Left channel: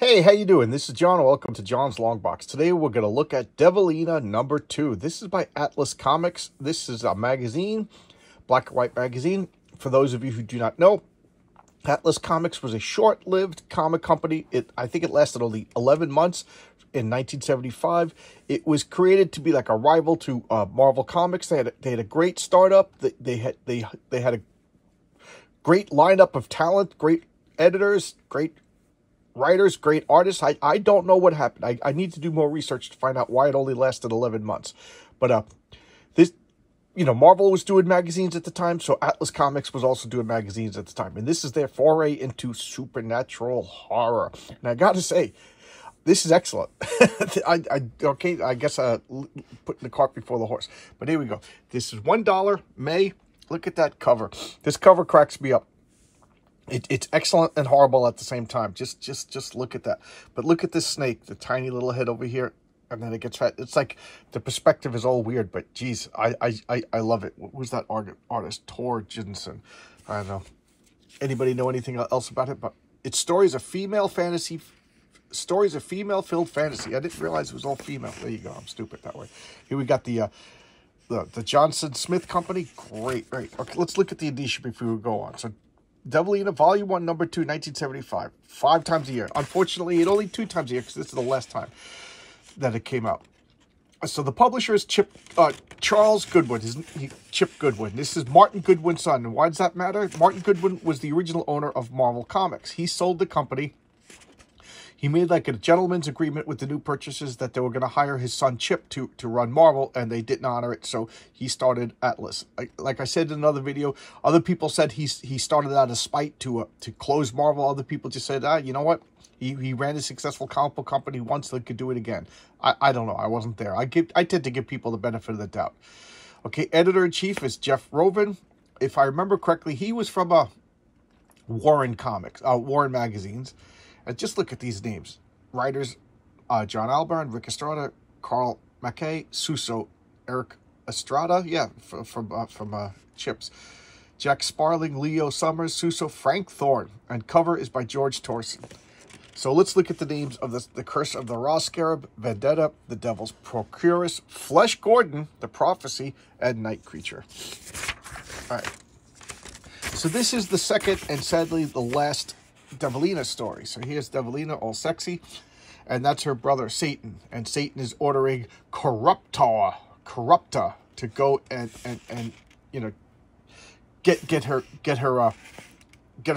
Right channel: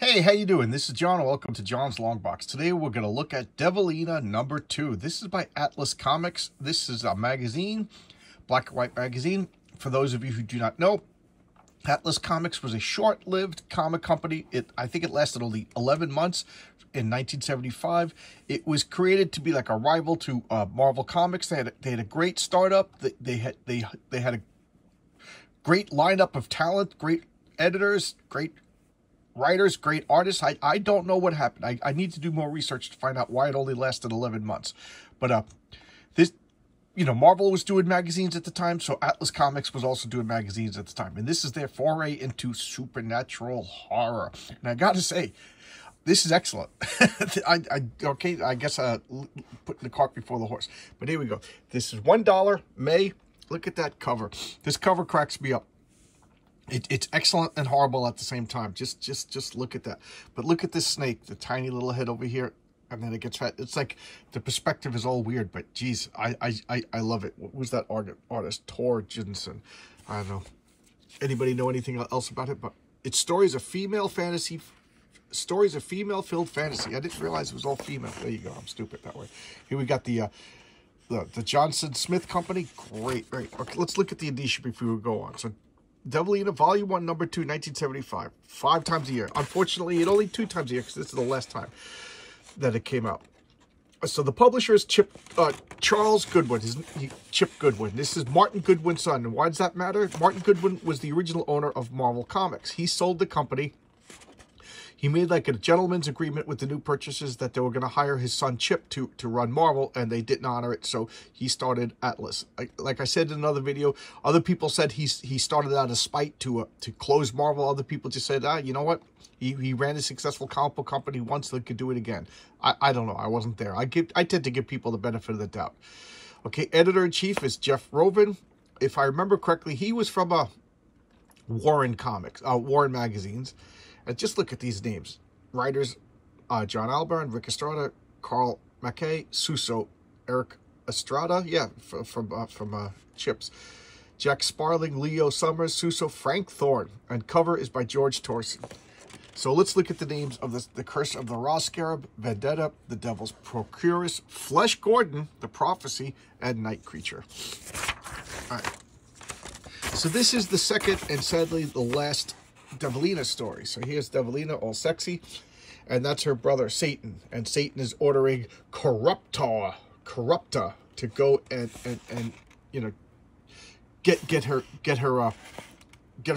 Hey, how you doing? This is John. Welcome to John's Long Box. Today we're going to look at Devilina #2. This is by Atlas Comics. This is a magazine, black and white magazine. For those of you who do not know, Atlas Comics was a short-lived comic company. I think it lasted only 11 months in 1975. It was created to be like a rival to Marvel Comics. They had a great startup. They had a great lineup of talent, great editors, great writers, great artists. I don't know what happened. I need to do more research to find out why it only lasted 11 months. But Marvel was doing magazines at the time, so Atlas Comics was also doing magazines at the time. And this is their foray into supernatural horror. And I got to say, this is excellent. I guess putting the cart before the horse. But here we go. This is $1, May. Look at that cover. This cover cracks me up. It's excellent and horrible at the same time. Just look at that. But look at this snake, the tiny little head over here, and then it gets fat. It's like the perspective is all weird, but geez, I love it. What was that artist? Tor Jensen. I don't know. Anybody know anything else about it? But it's stories of female-filled fantasy. I didn't realize it was all female. There you go. I'm stupid that way. Here we got the Johnson Smith Company. Great. Okay, let's look at the edition before we go on. So, Devilina, Volume 1, Number 2, 1975. 5 times a year. Unfortunately, it only 2 times a year because this is the last time that it came out. So the publisher is Charles Goodwin. Chip Goodwin. This is Martin Goodwin's son. And why does that matter? Martin Goodwin was the original owner of Marvel Comics. He sold the company. He made like a gentleman's agreement with the new purchasers that they were going to hire his son Chip to run Marvel, and they didn't honor it, so he started Atlas. Like I said in another video, other people said he started out of spite to close Marvel. Other people just said, you know what? He ran a successful comic book company once, they could do it again. I don't know. I wasn't there. I tend to give people the benefit of the doubt. Okay, editor-in-chief is Jeff Rovin. If I remember correctly, he was from Warren magazines. And just look at these names. Writers, John Albarn, Rick Estrada, Carl Mackay, Suso, Eric Estrada, from Chips. Jack Sparling, Leo Summers, Suso, Frank Thorne. And cover is by George Torson. So let's look at the names of the Curse of the Raw Scarab, Vendetta, the Devil's Procuress, Flesh Gordon, the Prophecy, and Night Creature. All right. So this is the second and sadly the last Devilina story. So here's Devilina, all sexy, and that's her brother Satan, and Satan is ordering Corrupta to go and get her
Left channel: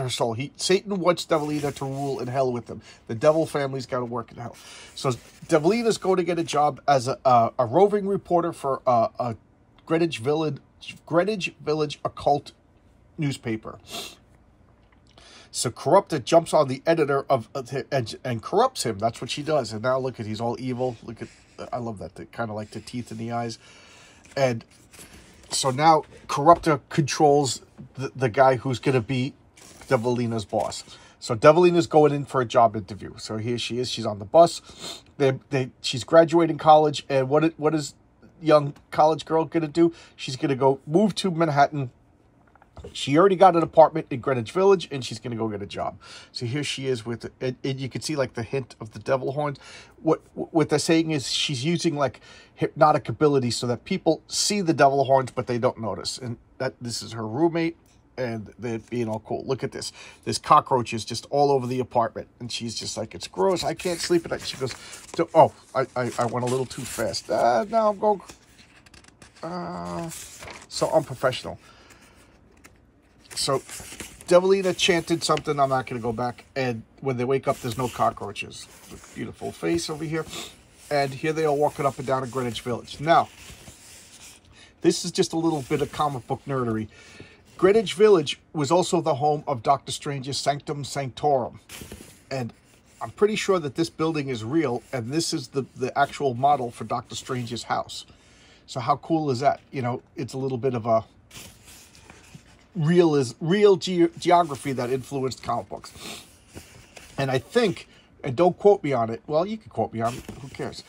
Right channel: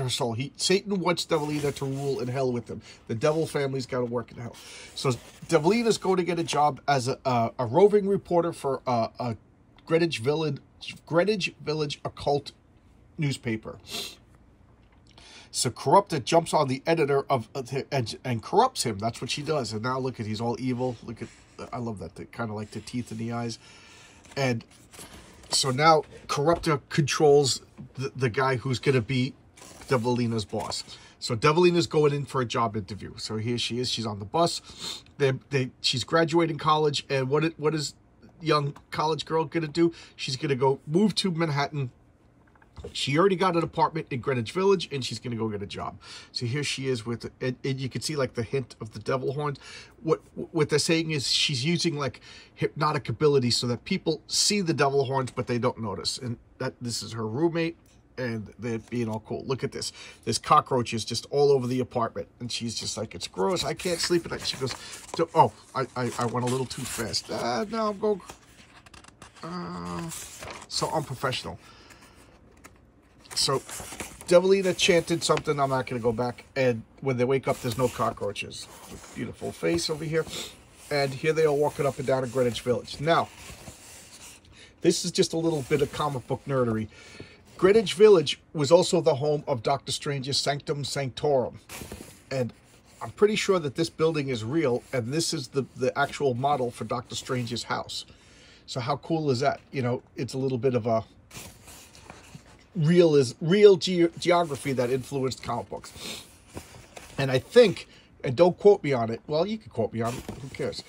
soul. Satan wants Devilina to rule in hell with him. The devil family's got to work in hell. So Devilina's going to get a job as a roving reporter for a Greenwich Village occult newspaper. So Corrupta jumps on the editor and corrupts him. That's what she does. And now look at, he's all evil. Look at, I love that, kind of like the teeth in the eyes. And so now Corrupta controls the guy who's going to be Devilina's boss. So Devilina's going in for a job interview. So here she is. She's on the bus. She's graduating college. And what is young college girl going to do? She's going to go move to Manhattan. She already got an apartment in Greenwich Village, and she's going to go get a job. So here she is with it. And you can see, like, the hint of the devil horns. What they're saying is she's using, like, hypnotic ability so that people see the devil horns, but they don't notice. And this is her roommate, and they're being all cool. Look at this. There's cockroaches just all over the apartment. And she's just like, it's gross. I can't sleep at night. She goes, oh, I went a little too fast. Now I'm going... so unprofessional. So, Devilina chanted something. I'm not going to go back. And when they wake up, there's no cockroaches. Beautiful face over here. And here they are walking up and down in Greenwich Village. Now, this is just a little bit of comic book nerdery. Greenwich Village was also the home of Doctor Strange's Sanctum Sanctorum. And I'm pretty sure that this building is real. And this is the actual model for Doctor Strange's house. So how cool is that? You know, it's a little bit of a... real geography that influenced comic books. And I think, and don't quote me on it, well, you can quote me on it, who cares?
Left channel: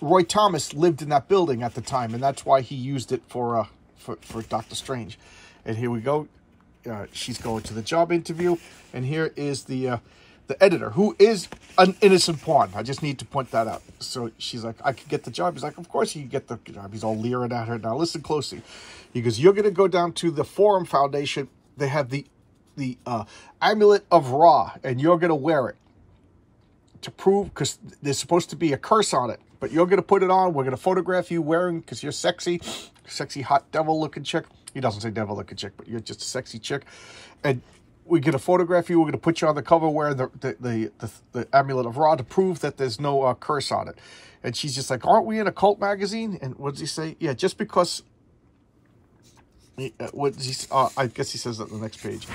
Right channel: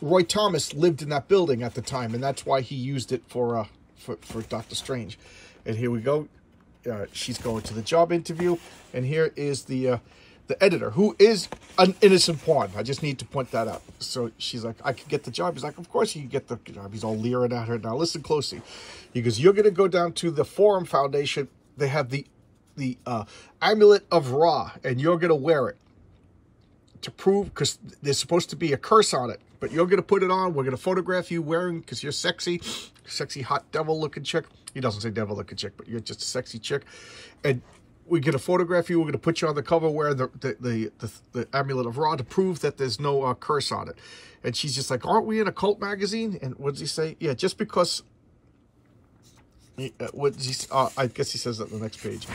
Roy Thomas lived in that building at the time, and that's why he used it for Doctor Strange. And here we go. She's going to the job interview, and here is the the editor, who is an innocent pawn. I just need to point that out. So she's like, I could get the job. He's like, of course you can get the job. He's all leering at her. Now listen closely. He goes, you're going to go down to the Forum Foundation. They have the Amulet of Ra, and you're going to wear it to prove, because there's supposed to be a curse on it, but you're going to put it on. We're going to photograph you wearing, because you're sexy, hot devil-looking chick. He doesn't say devil-looking chick, but you're just a sexy chick. And we're going to photograph you. We're going to put you on the cover wearing the Amulet of Ra to prove that there's no curse on it. And she's just like, aren't we in a cult magazine? And what does he say? Yeah, just because... I guess he says that on the next page.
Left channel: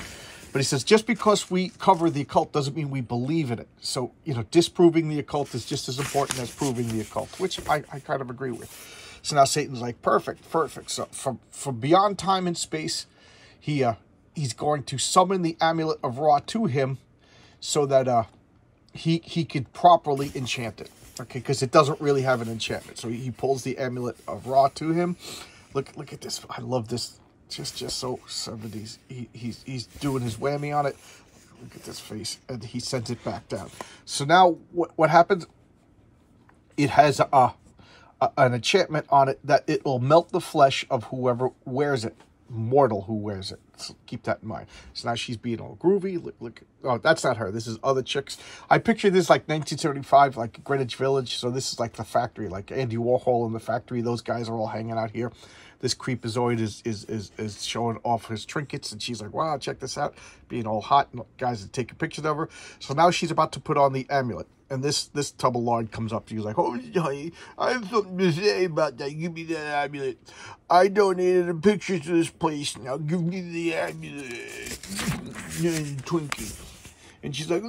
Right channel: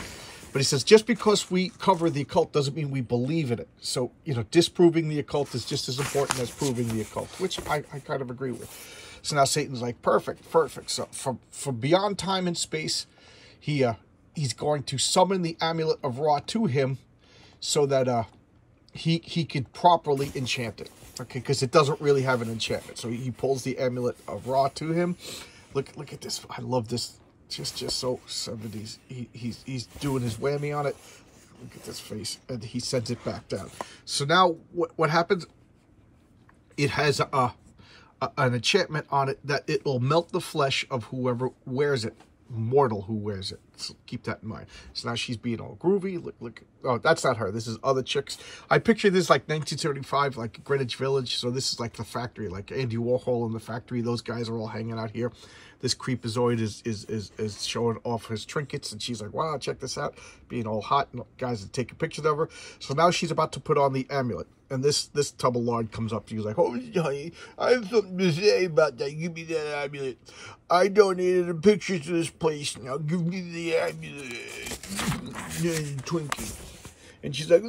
But he says, just because we cover the occult doesn't mean we believe in it. So, you know, disproving the occult is just as important as proving the occult, which I kind of agree with. So now Satan's like, perfect. So from beyond time and space, he's going to summon the Amulet of Ra to him so that he could properly enchant it. Okay, because it doesn't really have an enchantment. So he pulls the Amulet of Ra to him. Look at this. I love this. Just so 70s. He's doing his whammy on it. Look at this face, and he sends it back down. So now what happens? It has an enchantment on it that it will melt the flesh of whoever wears it, mortal who wears it. So keep that in mind. So now she's being all groovy. Look. Oh, that's not her. This is other chicks. I picture this like 1975, like Greenwich Village. So this is like the factory, like Andy Warhol in the factory. Those guys are all hanging out here. This creepazoid is showing off his trinkets, and she's like, wow, check this out, being all hot, and guys are taking pictures of her. So now she's about to put on the amulet, and this tub of lard comes up to you, like, oh, honey, I have something to say about that. Give me that amulet. I donated the pictures to this place. Now give me the amulet. Twinkie. And she's like,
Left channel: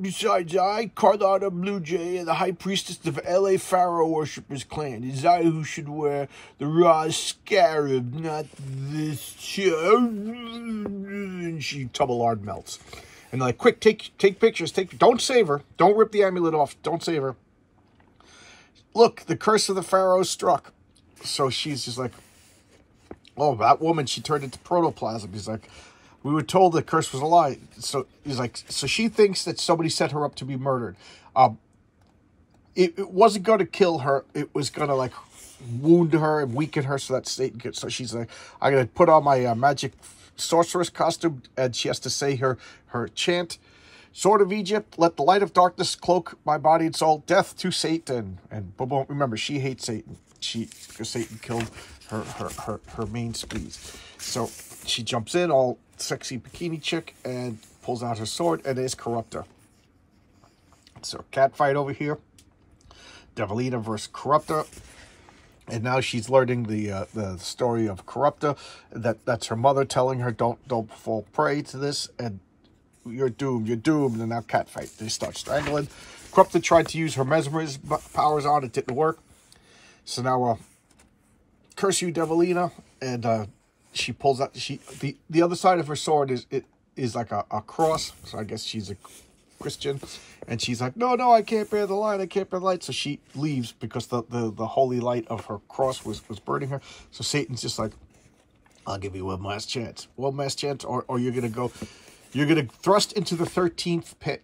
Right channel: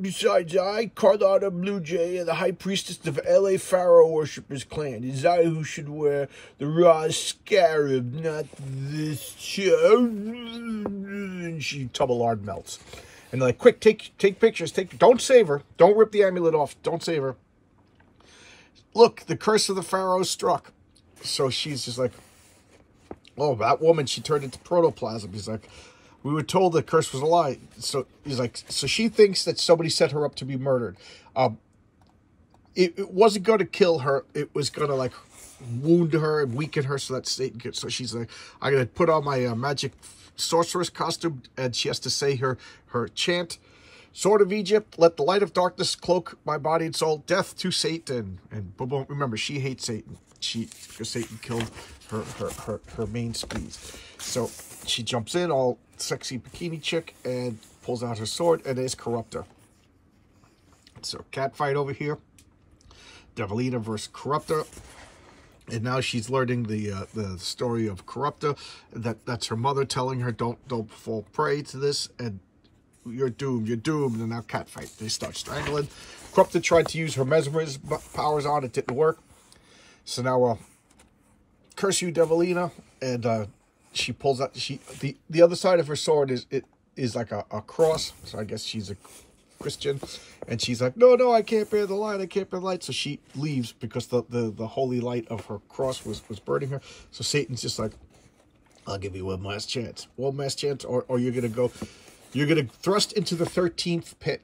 besides, I, Carlotta Blue Jay, and the High Priestess of L.A. Pharaoh Worshippers Clan, it is I who should wear the raw scarab, not this chick. And she Tubalard melts. And they're like, quick, take pictures. Don't save her. Don't rip the amulet off. Don't save her. Look, the curse of the Pharaoh struck. So she's just like, oh, that woman, she turned into protoplasm. He's like, we were told the curse was a lie. So he's like, so she thinks that somebody set her up to be murdered. It wasn't going to kill her. It was going to like wound her and weaken her so that Satan could. So she's like, I'm going to put on my magic sorceress costume, and she has to say her chant. Sword of Egypt, let the light of darkness cloak my body and soul. Death to Satan. And boom, remember, she hates Satan. Because Satan killed her main squeeze. So she jumps in, all sexy bikini chick, and pulls out her sword, and is Corruptor. So cat fight over here. Devilina versus Corruptor. And now she's learning the story of Corruptor. That's her mother telling her, don't fall prey to this, and you're doomed. And now cat fight. They start strangling. Corruptor tried to use her mesmerism powers on it, didn't work. So now, curse you, Devilina, and she pulls out. The other side of her sword is like a cross. So I guess she's a Christian, and she's like, no, I can't bear the light. I can't bear the light. So she leaves because the holy light of her cross was burning her. So Satan's just like, I'll give you one last chance, or you're gonna thrust into the 13th pit.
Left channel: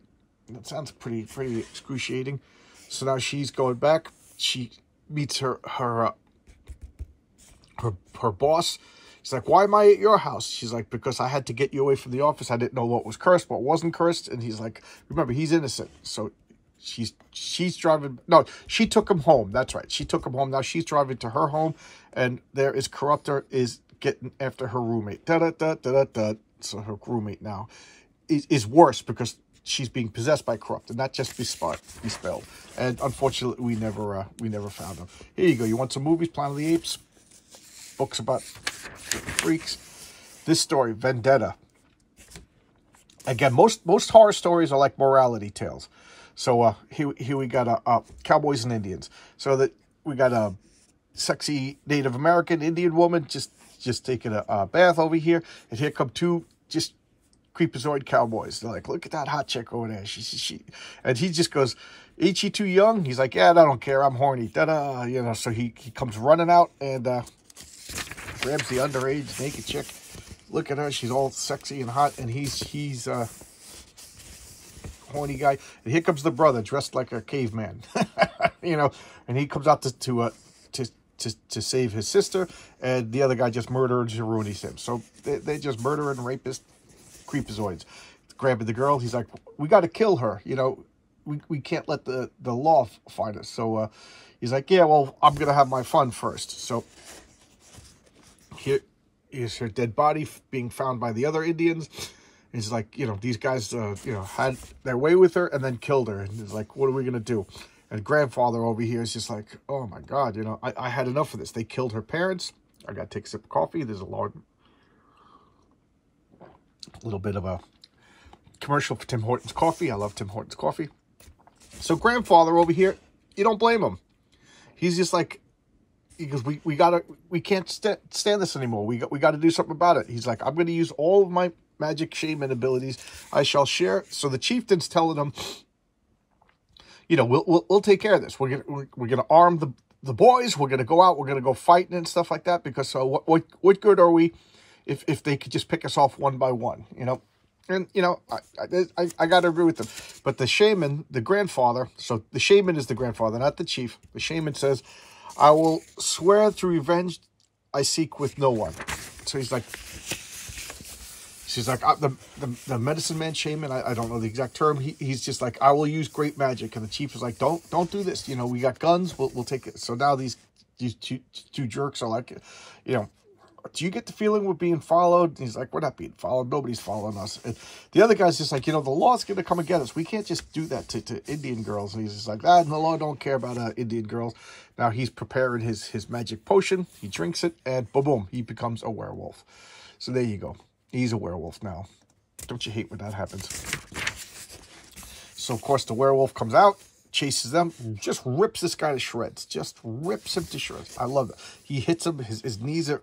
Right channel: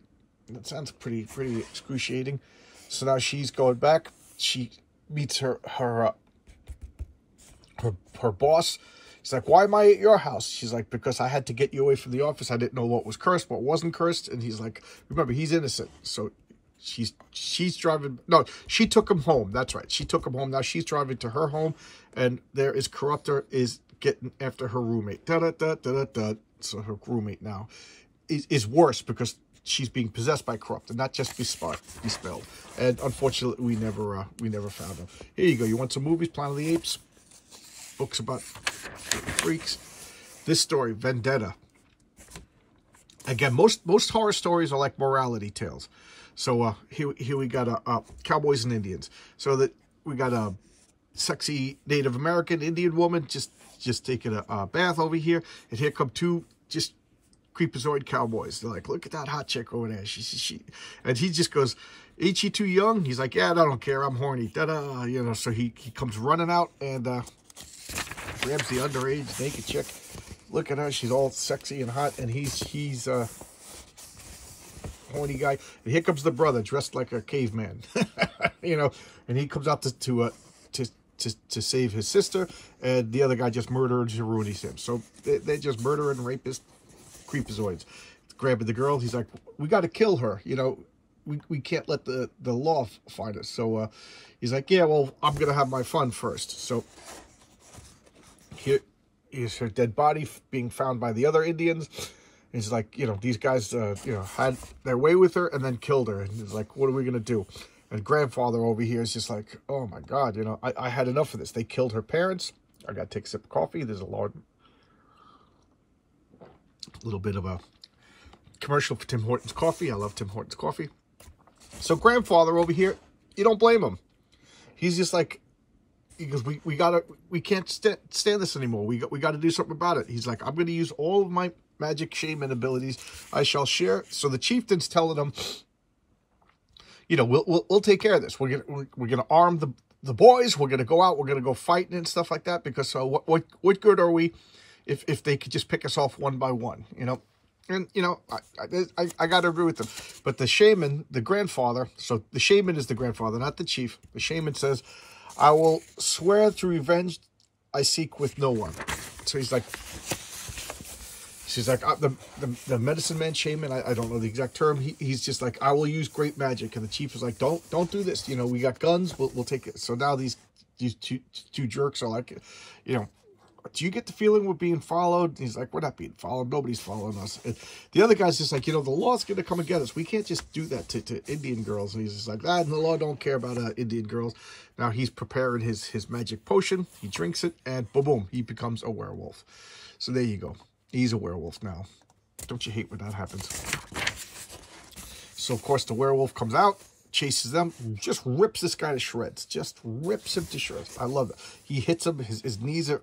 That sounds pretty excruciating. So now she's going back. She meets her boss. He's like, why am I at your house? She's like, because I had to get you away from the office. I didn't know what was cursed, what wasn't cursed. And he's like, remember, he's innocent. So she's driving. No, she took him home. That's right. She took him home. Now she's driving to her home, and there is Corruptor is getting after her roommate. So her roommate now is worse because she's being possessed by Corruptor, not just bespelled. And unfortunately, we never found her. Here you go. You want some movies? Planet of the Apes. Books about freaks. This story, Vendetta. Again, most horror stories are like morality tales. So here we got cowboys and Indians. So that we got a sexy Native American Indian woman just taking a bath over here, and here come two just creepazoid cowboys. They're like, look at that hot chick over there. She. And he just goes, ain't she too young? He's like, yeah, I don't care. I'm horny. Da-da. You know, so he comes running out and grabs the underage naked chick. Look at her. She's all sexy and hot. And he's horny guy. And here comes the brother dressed like a caveman, you know, and he comes out to save his sister, and the other guy just murders and ruins him. So they just murder and rapist, creepazoids. Grabbing the girl, he's like, we got to kill her, you know, we can't let the law find us. So he's like, yeah, well, I'm gonna have my fun first. So here is her dead body being found by the other Indians. And he's like, you know, these guys, you know, had their way with her and then killed her. And he's like, what are we gonna do? And grandfather over here is just like, oh my God, you know, I had enough of this. They killed her parents. I gotta take a sip of coffee. There's a little bit of a commercial for Tim Hortons coffee. I love Tim Hortons coffee. So grandfather over here, you don't blame him. He's just like, because we can't stand this anymore. We got to do something about it. He's like, I'm going to use all of my magic shaman abilities. I shall share. So the chieftain's telling him, you know, we'll take care of this. We're gonna arm the boys. We're gonna go out. We're gonna go fighting and stuff like that. Because what good are we if they could just pick us off one by one, you know? And, you know, I got to agree with them. But the shaman, the grandfather, so the shaman is the grandfather, not the chief. The shaman says, I will swear to revenge I seek with no one. So he's like, she's like, the medicine man shaman, I don't know the exact term. He's just like, I will use great magic. And the chief is like, don't do this. You know, we got guns. We'll take it. So now these two jerks are like, you know, do you get the feeling we're being followed? He's like, we're not being followed. Nobody's following us. And the other guy's just like, you know, the law's going to come and get us. We can't just do that to Indian girls. And he's just like, the law don't care about Indian girls. Now he's preparing his magic potion. He drinks it, and boom, boom, he becomes a werewolf. So there you go. He's a werewolf now. Don't you hate when that happens? So, of course, the werewolf comes out, chases them, just rips this guy to shreds. Just rips him to shreds. I love it. He hits him. His knees are...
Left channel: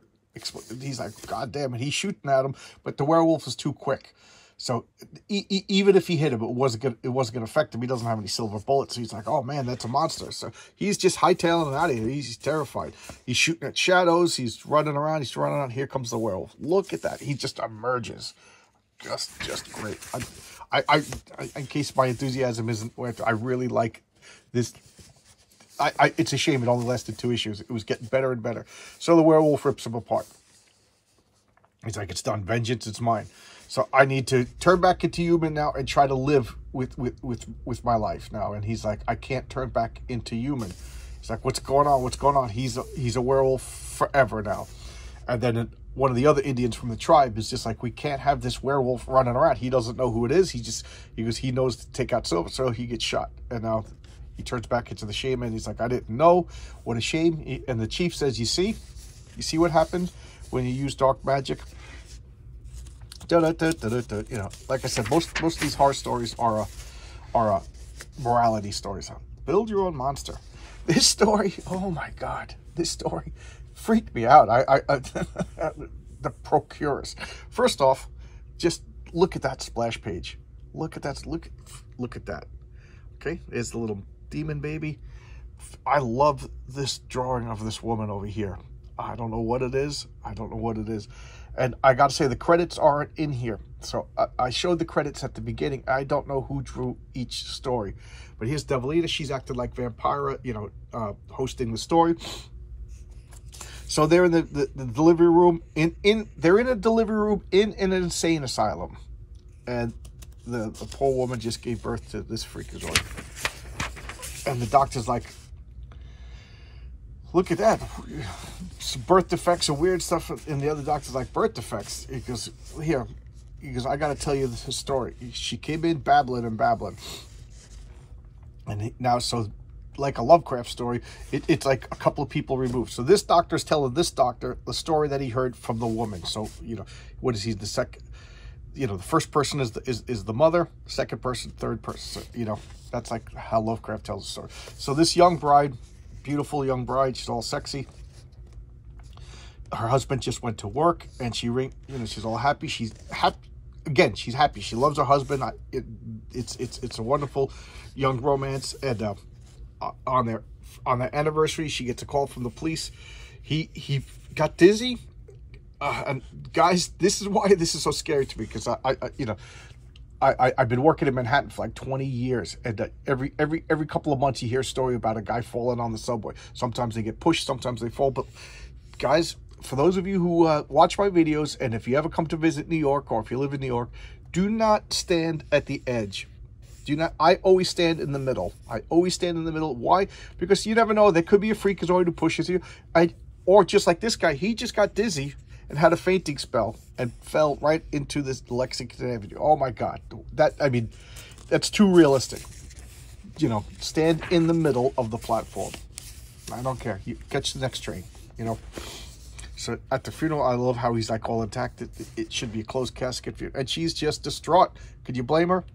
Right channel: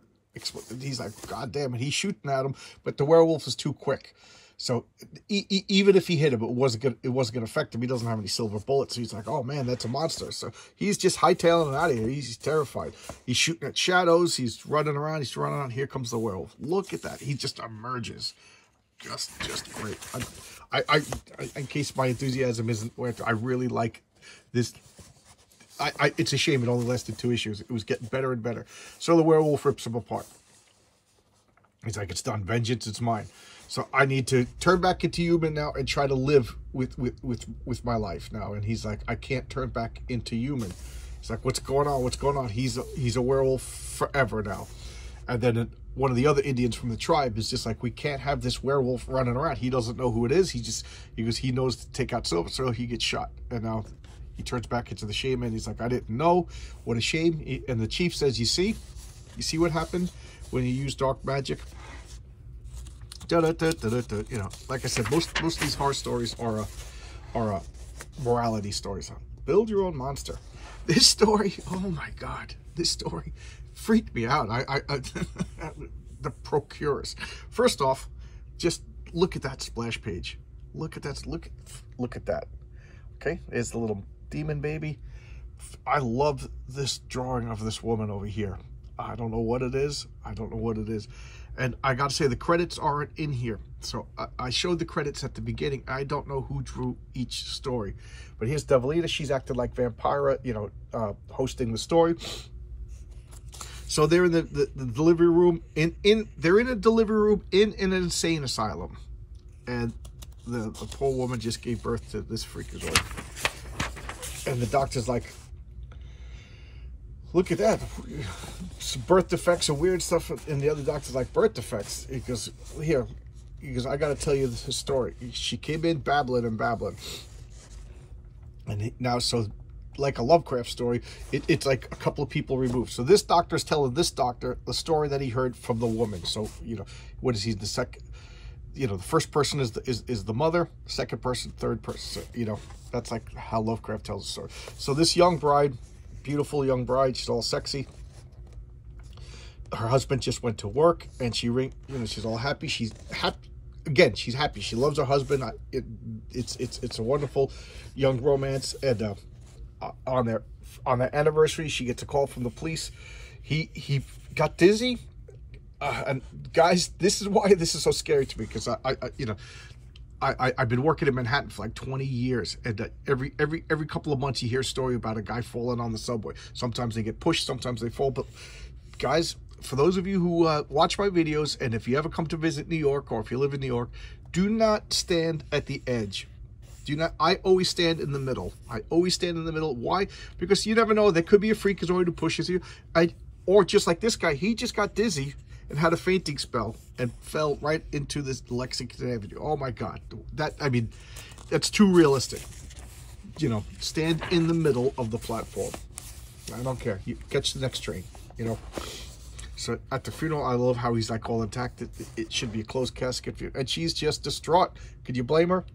He's like, God damn it, he's shooting at him, but the werewolf is too quick. So even if he hit him, it wasn't gonna affect him. He doesn't have any silver bullets. So he's like, oh man, that's a monster. So he's just hightailing it out of here. He's terrified. He's shooting at shadows. He's running around. He's running around. Here comes the werewolf. Look at that. He just emerges. Just great. In case my enthusiasm isn't worth it, I really like this. It's a shame it only lasted 2 issues. It was getting better and better. So the werewolf rips him apart. He's like, it's done. Vengeance, it's mine. So I need to turn back into human now and try to live with my life now. And he's like, I can't turn back into human. He's like, what's going on? What's going on? He's a werewolf forever now. And then one of the other Indians from the tribe is just like, we can't have this werewolf running around. He doesn't know who it is. He knows to take out Silver, so he gets shot. And now he turns back into the shaman. He's like, I didn't know. What a shame. And the chief says, you see what happened when you use dark magic? You know, like I said, most of these horror stories are morality stories. Build your own monster. This story, oh my God, this story freaked me out. The Procurers. First off, just look at that splash page. Look at that. Look at that. Okay, there's the little demon baby. I love this drawing of this woman over here. I don't know what it is. And I got to say, the credits aren't in here. So I showed the credits at the beginning. I don't know who drew each story. But here's Devilina. She's acted like Vampira, you know, hosting the story. So they're in the delivery room. They're in a delivery room in an insane asylum. And the poor woman just gave birth to this freakazoid. And the doctor's like, look at that. Some birth defects and weird stuff. And the other doctor's like, birth defects? He goes, I got to tell you this story. She came in babbling. And now, so like a Lovecraft story, it's like a couple of people removed. So this doctor's telling this doctor the story that he heard from the woman. So, you know, what is he? The second, you know, the first person is the mother, second person, third person. You know, that's like how Lovecraft tells the story. So this young bride, beautiful young bride, she's all sexy. Her husband just went to work, and she's all happy. She's happy again. She's happy. She loves her husband. It's a wonderful young romance. And on their anniversary, she gets a call from the police. He got dizzy. And guys, this is why this is so scary to me, because I you know, I've been working in Manhattan for like 20 years, and every couple of months you hear a story about a guy falling on the subway. Sometimes they get pushed, sometimes they fall. But guys, for those of you who watch my videos, and if you ever come to visit New York, or if you live in New York, do not stand at the edge. Do not. I always stand in the middle. I always stand in the middle. Why? Because you never know. There could be a freakazoid who pushes you. Or just like this guy, he just got dizzy and had a fainting spell and fell right into this Lexington Avenue. Oh my God. I mean, that's too realistic. You know, stand in the middle of the platform. I don't care. You catch the next train, you know. So at the funeral, I love how he's like all intact. It should be a closed casket. And she's just distraught. Could you blame her?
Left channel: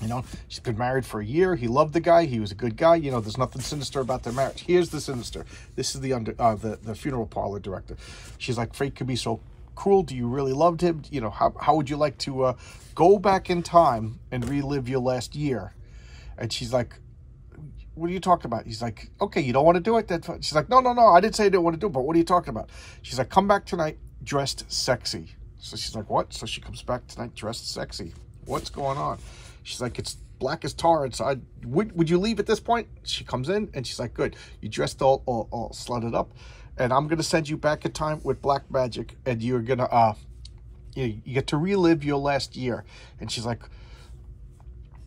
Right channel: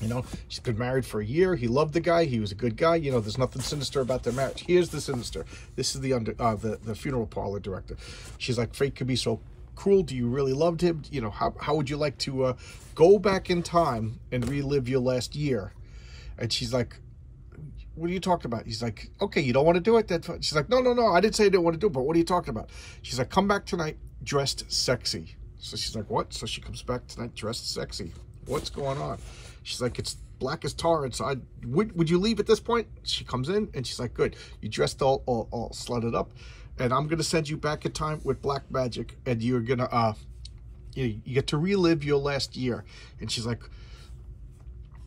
You know, she's been married for a year. He loved the guy. He was a good guy. You know, there's nothing sinister about their marriage. Here's the sinister. This is the funeral parlor director. She's like, fate could be so cruel. Do you really loved him? You know, how would you like to go back in time and relive your last year? And she's like, what are you talking about? He's like, okay, you don't want to do it? That's fine. She's like, no, I didn't say I didn't want to do it, but what are you talking about? She's like, come back tonight dressed sexy. So she's like, what? So she comes back tonight dressed sexy. What's going on? She's like, it's black as tar inside. Would you leave at this point? She comes in and she's like, good. You dressed all slutted up, and I'm gonna send you back in time with black magic, and you're gonna you get to relive your last year. And she's like,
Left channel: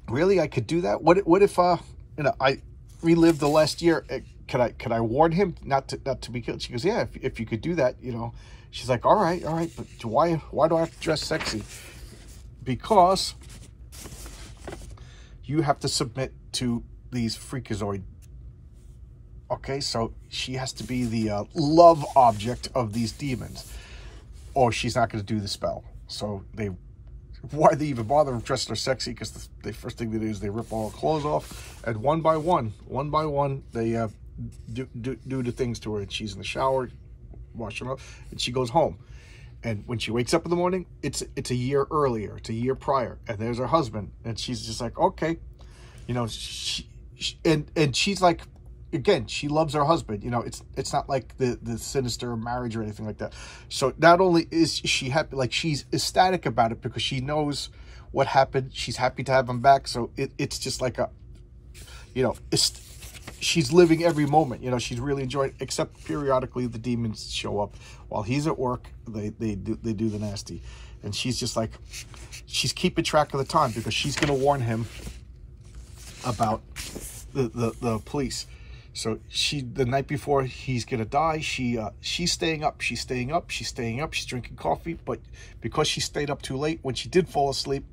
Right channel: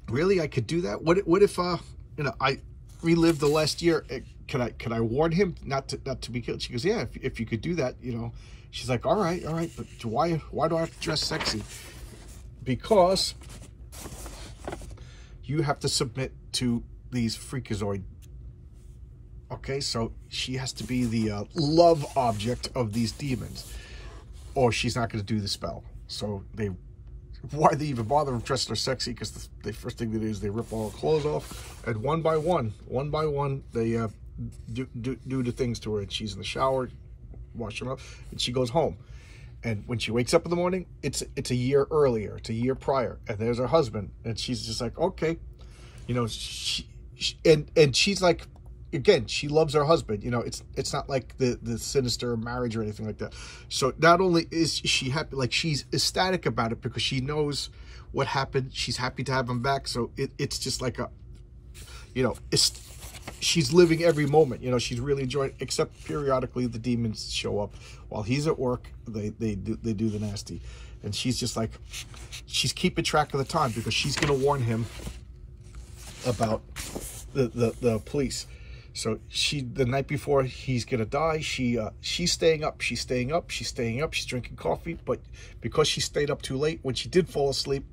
really? I could do that? What if you know, I relived the last year? Can I warn him not to be killed? She goes, yeah, if you could do that, you know. She's like, all right, but why do I have to dress sexy? Because you have to submit to these freakazoid. Okay, so she has to be the love object of these demons, or she's not going to do the spell. So why they even bother dressing her sexy? Because the first thing they do is they rip all her clothes off, and one by one, they do the things to her, and she's in the shower, washing up, and she goes home. And when she wakes up in the morning, it's a year earlier, it's a year prior, and there's her husband, and she's just like, okay, you know, and she's like, again, she loves her husband. You know, it's not like the sinister marriage or anything like that. So not only is she happy, like she's ecstatic about it because she knows what happened. She's happy to have him back. So it's just like a, you know, she's living every moment. You know, she's really enjoying it, except periodically the demons show up while he's at work. They do the nasty, and she's just like, she's keeping track of the time because she's gonna warn him about the police. So the night before he's gonna die, she's staying up, she's drinking coffee, but because she stayed up too late, when she did fall asleep,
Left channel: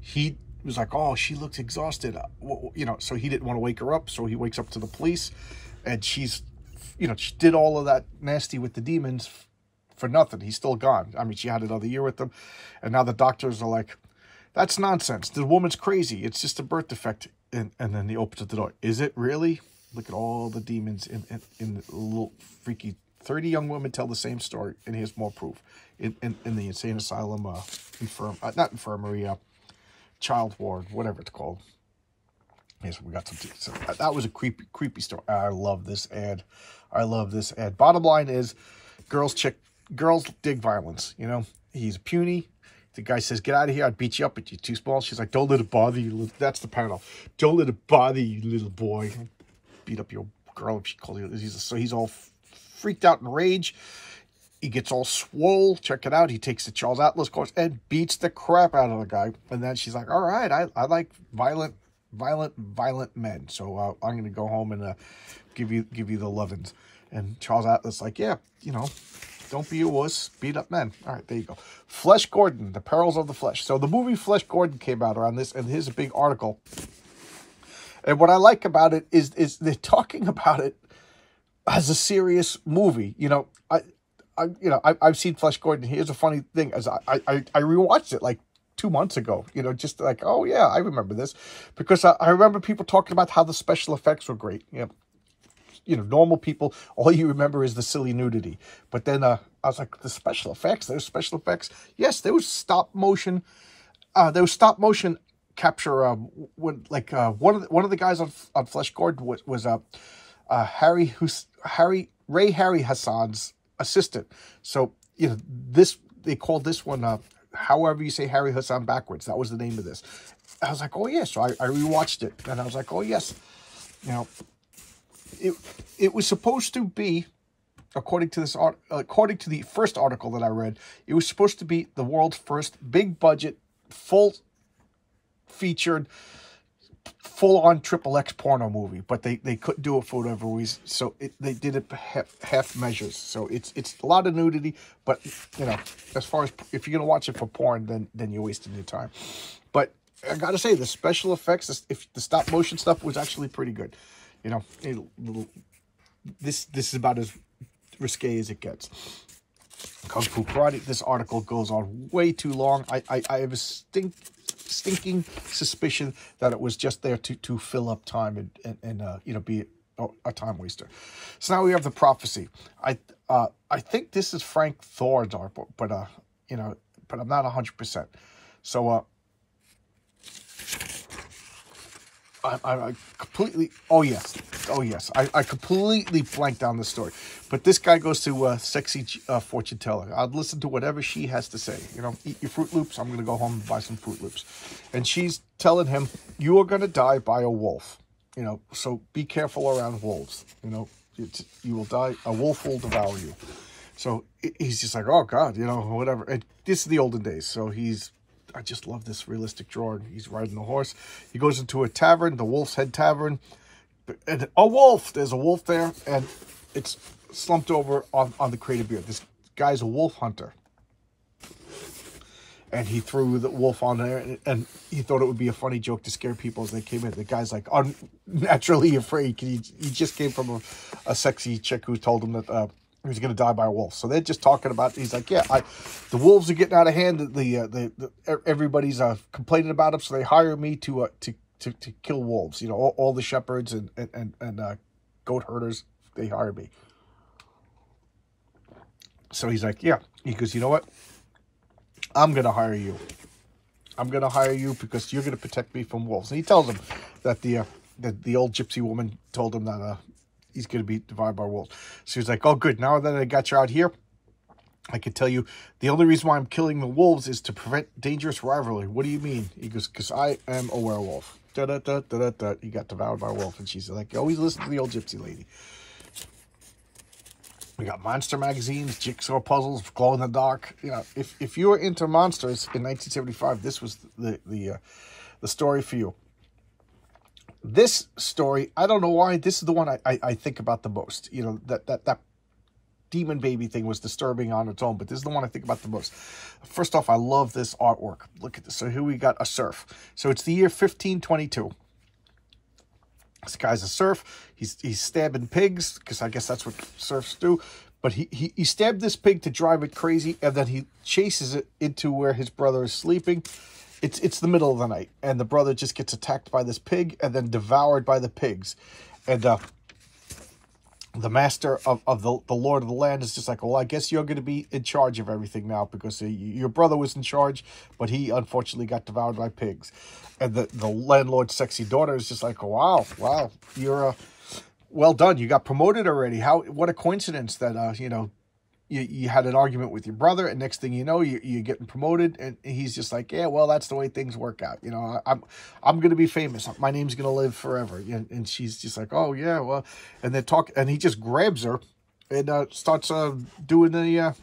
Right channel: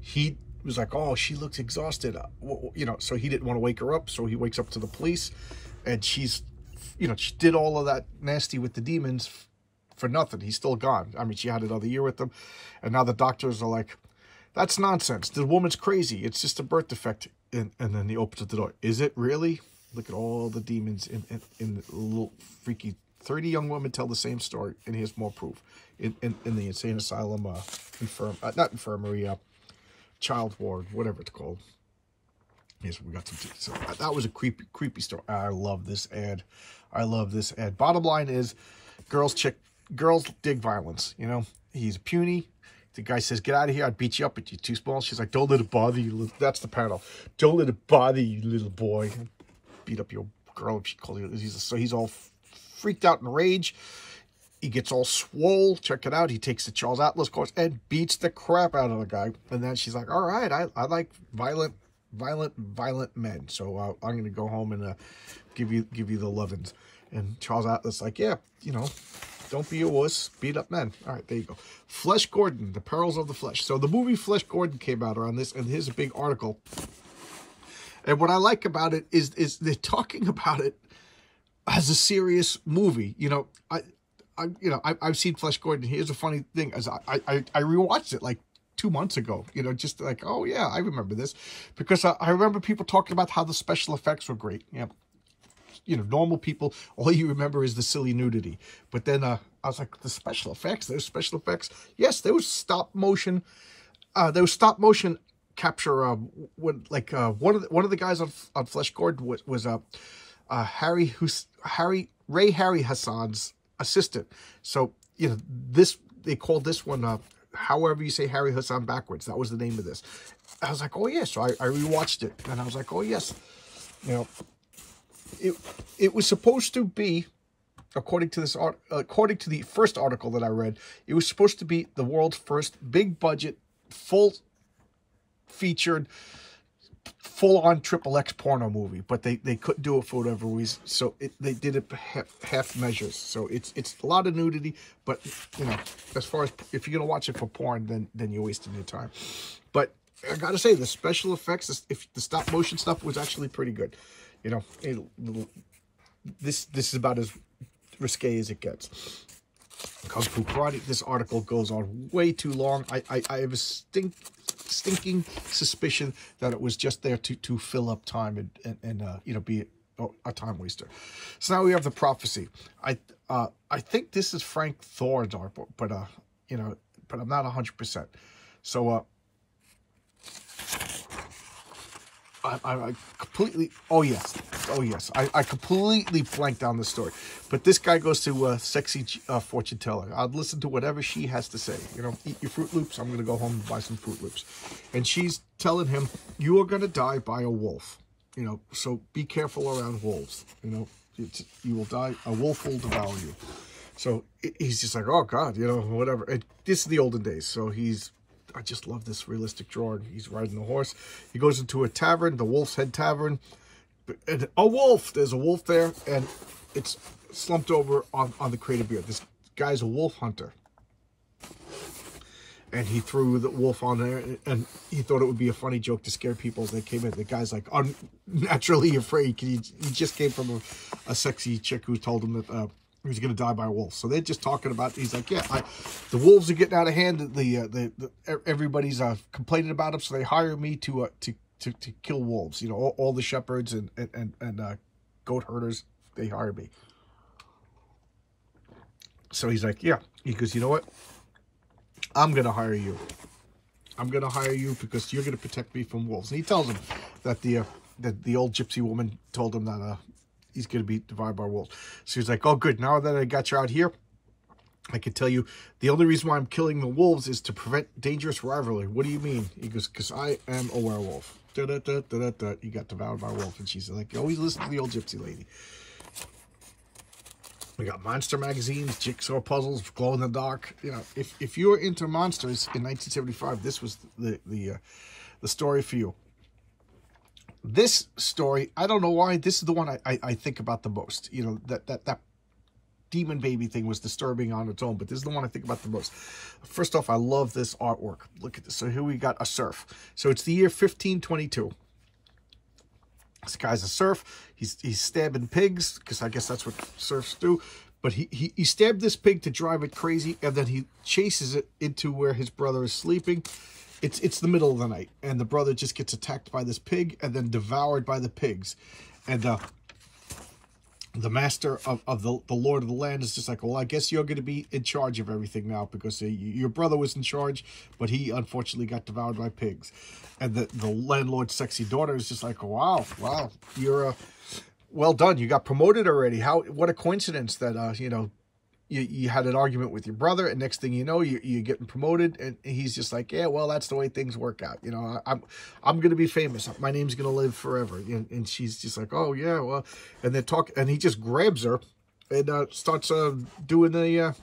he was like, oh, she looks exhausted, you know, so he didn't want to wake her up, so he wakes up to the police, and she's, you know, she did all of that nasty with the demons for nothing. He's still gone. I mean, she had another year with them, and now the doctors are like, that's nonsense. The woman's crazy. It's just a birth defect. And then he opens the door. Is it really? Look at all the demons in the little freaky. 30 young women tell the same story, and here's more proof. In the insane asylum, not infirmary, child ward, whatever it's called. Yes, we got some. So that was a creepy story. I love this ad. Bottom line is, girls dig violence. You know, he's puny. The guy says, get out of here. I'd beat you up, but you're too small. She's like, don't let it bother you. That's the panel. Don't let it bother you, little boy. Beat up your girl. She called you. So he's all freaked out in rage. He gets all swole. Check it out. He takes the Charles Atlas course and beats the crap out of the guy. And then she's like, all right, I like violent men. So I'm going to go home and give you the lovins. And Charles Atlas like, yeah, you know, don't be a wuss. Beat up men. All right, there you go. Flesh Gordon, The Perils of the Flesh. So the movie Flesh Gordon came out around this, and here's a big article. And what I like about it is they're talking about it as a serious movie. You know, I've seen Flesh Gordon. Here's a funny thing: as I rewatched it like 2 months ago. You know, just like, oh yeah, I remember this, because I remember people talking about how the special effects were great. You know, normal people, all you remember is the silly nudity. But then I was like, the special effects, there's special effects. Yes, there was stop motion. There was stop motion capture. When like one of the guys on Flesh Gordon was Ray Harryhausen's assistant. So you know, they called this one however you say Harry Hassan backwards. That was the name of this. I was like, oh yeah. So I rewatched it, and I was like, oh yes. You know, it was supposed to be, according to the first article that I read, it was supposed to be the world's first big budget, full featured, full-on XXX porno movie, but they couldn't do it for whatever reason, so they did it half measures. So it's a lot of nudity, but you know, as far as if you're gonna watch it for porn, then you're wasting your time. But I gotta say, the special effects, if the stop motion stuff was actually pretty good. You know, this is about as risque as it gets. Kung Fu Karate. This article goes on way too long. I have a stinking suspicion that it was just there to fill up time and you know, be a time waster. So now we have the prophecy. I think this is Frank Thor's art, but you know, but I'm not 100%. So I completely, oh yes, I completely blanked on the story. But this guy goes to sexy fortune teller. I'd listen to whatever she has to say. You know, eat your Fruit Loops. I'm going to go home and buy some Fruit Loops. And she's telling him, you are going to die by a wolf. You know, so be careful around wolves. You know, you will die. A wolf will devour you. So he's just like, oh God, you know, whatever. And this is the olden days. So I just love this realistic drawing. He's riding the horse. He goes into a tavern, the Wolf's Head Tavern. And a wolf. There's a wolf there, and it's slumped over on the crate of beer. This guy's a wolf hunter. And he threw the wolf on there, and he thought it would be a funny joke to scare people as they came in. The guy's like unnaturally afraid. He just came from a sexy chick who told him that he was going to die by a wolf. So they're just talking about, he's like, yeah, the wolves are getting out of hand. Everybody's complaining about them, so they hire me to kill wolves. You know, all the shepherds and goat herders, they hire me. So he's like, yeah. He goes, you know what? I'm going to hire you. I'm going to hire you because you're going to protect me from wolves. And he tells him that the old gypsy woman told him that he's going to be devoured by wolves. So he's like, oh, good. Now that I got you out here, I can tell you the only reason why I'm killing the wolves is to prevent dangerous rivalry. What do you mean? He goes, because I am a werewolf. He got devoured by a wolf. And she's like, always listen to the old gypsy lady. We got monster magazines, jigsaw puzzles, glow in the dark. You know, if you were into monsters in 1975, this was the story for you. This story, I don't know why, this is the one I think about the most. You know, that demon baby thing was disturbing on its own, but this is the one I think about the most. First off, I love this artwork. Look at this. So here we got a serf. So it's the year 1522. This guy's a serf. He's stabbing pigs, because I guess that's what serfs do. But he stabbed this pig to drive it crazy, and then he chases it into where his brother is sleeping. It's the middle of the night, and the brother just gets attacked by this pig and then devoured by the pigs. And the master of the Lord of the land is just like, well, I guess you're going to be in charge of everything now, because your brother was in charge, but he unfortunately got devoured by pigs. And the landlord's sexy daughter is just like, wow, you're well done. You got promoted already. What a coincidence that you know, you had an argument with your brother, and next thing you know, you're getting promoted. And he's just like, yeah, well, that's the way things work out. You know, I'm going to be famous. My name's going to live forever. And she's just like, oh yeah, well, and they talk, and he just grabs her and starts doing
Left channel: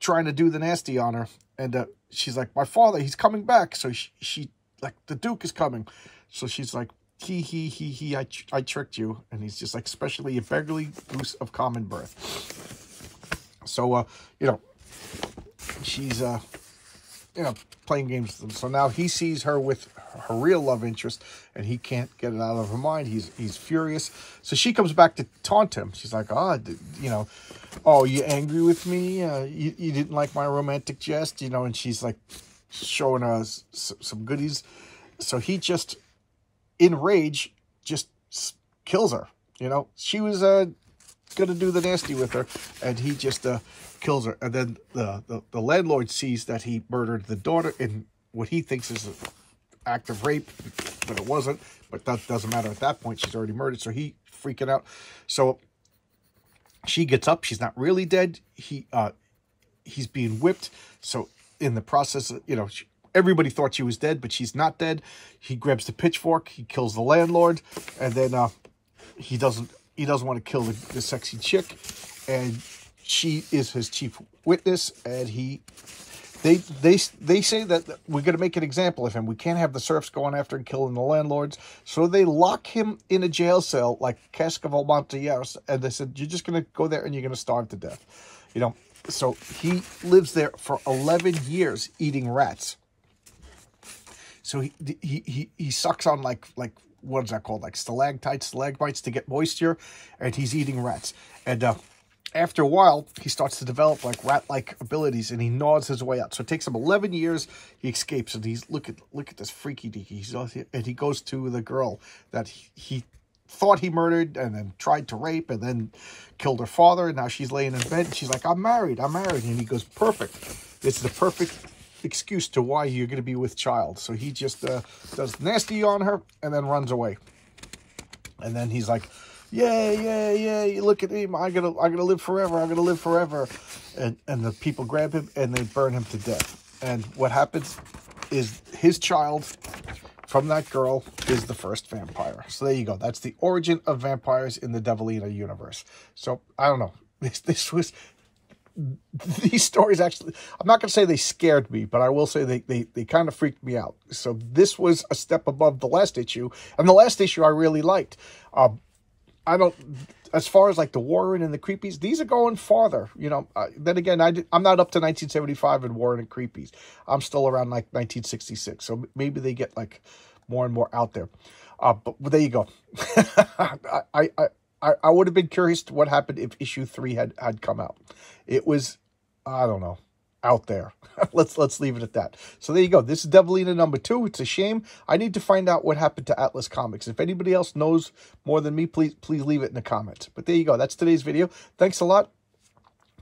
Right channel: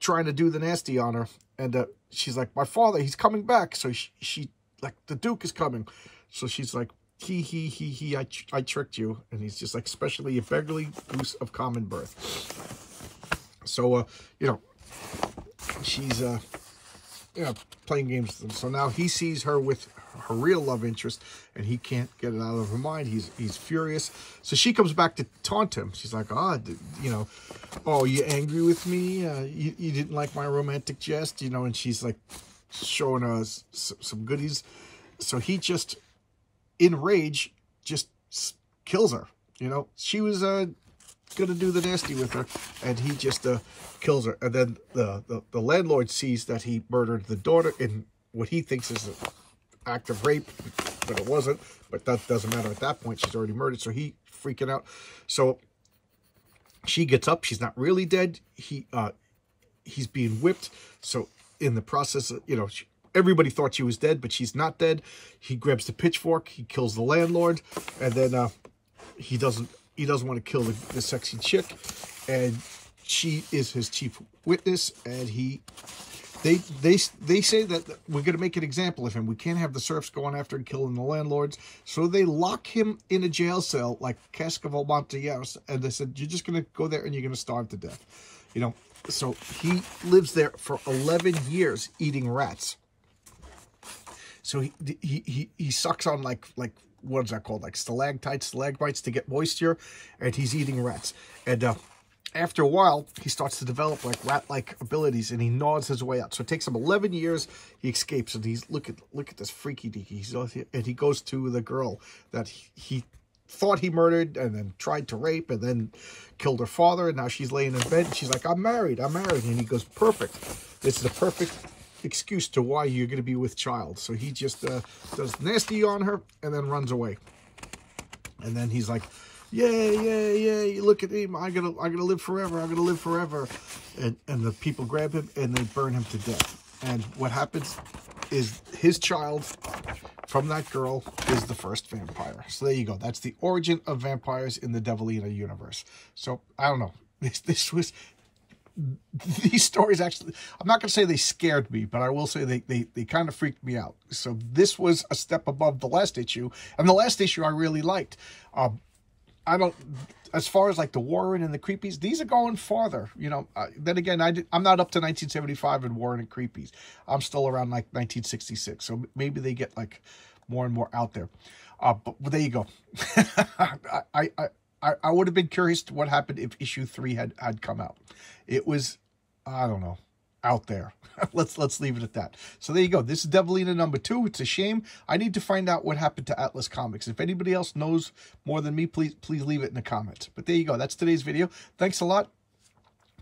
trying to do the nasty on her. And she's like, my father, he's coming back. So she like, the Duke is coming. So she's like, I tricked you. And he's just like, especially a beggarly goose of common birth. So, you know, she's, you know, playing games with them. So now he sees her with her real love interest, and he can't get it out of her mind. He's furious. So she comes back to taunt him. She's like, you know, oh, you angry with me? You didn't like my romantic jest, you know? And she's like showing us some goodies. So he just, in rage, just kills her. You know, she was gonna do the nasty with her, and he just kills her. And then the landlord sees that he murdered the daughter in what he thinks is an act of rape, but it wasn't. But that doesn't matter at that point. She's already murdered, so he freaking out. So she gets up. She's not really dead. He's being whipped. So in the process, everybody thought she was dead, but she's not dead. He grabs the pitchfork, he kills the landlord, and then he doesn't want to kill the sexy chick, and she is his chief witness, and they say that we're going to make an example of him. We can't have the serfs going after and killing the landlords, so they lock him in a jail cell like Cask of Amontillado, and they said, you're just going to go there and you're going to starve to death. So he lives there for 11 years eating rats. So he sucks on like what is that called? Like stalagmites to get moisture, and he's eating rats. And after a while, he starts to develop like rat-like abilities, and he gnaws his way out. So it takes him 11 years. He escapes, and he's look at this freaky deaky. And he goes to the girl that he thought he murdered, and then tried to rape, and then killed her father. And now she's laying in bed, and she's like, I'm married. And he goes, perfect. This is the perfect excuse to why you're going to be with child. So he just does nasty on her and then runs away. And then he's like, yeah, look at him, I'm gonna live forever, I'm gonna live forever. And the people grab him and they burn him to death. And what happens is his child from that girl is the first vampire. So there you go. That's the origin of vampires in the Devilina universe. So I don't know, these stories actually, I'm not going to say they scared me, but I will say they kind of freaked me out. So this was a step above the last issue, and the last issue I really liked. As far as like the Warren and the Creepies, these are going farther. Then again, I'm not up to 1975 in Warren and Creepies. I'm still around like 1966, so maybe they get like more and more out there. But there you go. I would have been curious to what happened if issue 3 had come out. It was, I don't know, out there. Let's leave it at that. So there you go. This is Devilina number 2. It's a shame. I need to find out what happened to Atlas Comics. If anybody else knows more than me, please leave it in the comments. But there you go. That's today's video. Thanks a lot.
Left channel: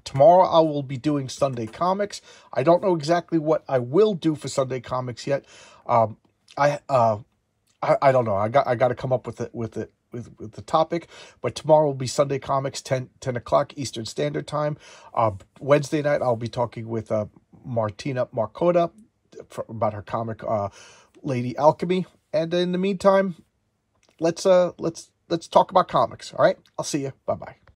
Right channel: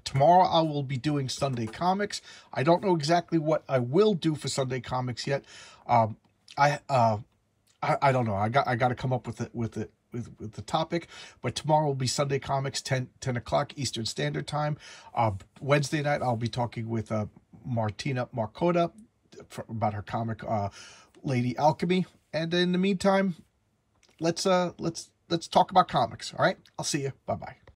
Tomorrow I will be doing Sunday Comics. I don't know exactly what I will do for Sunday Comics yet. I don't know. I got to come up with the topic, but tomorrow will be Sunday Comics, 10 o'clock Eastern Standard Time. Wednesday night I'll be talking with Martina Marcoda about her comic Lady Alchemy, and in the meantime, let's talk about comics. All right, I'll see you. Bye bye.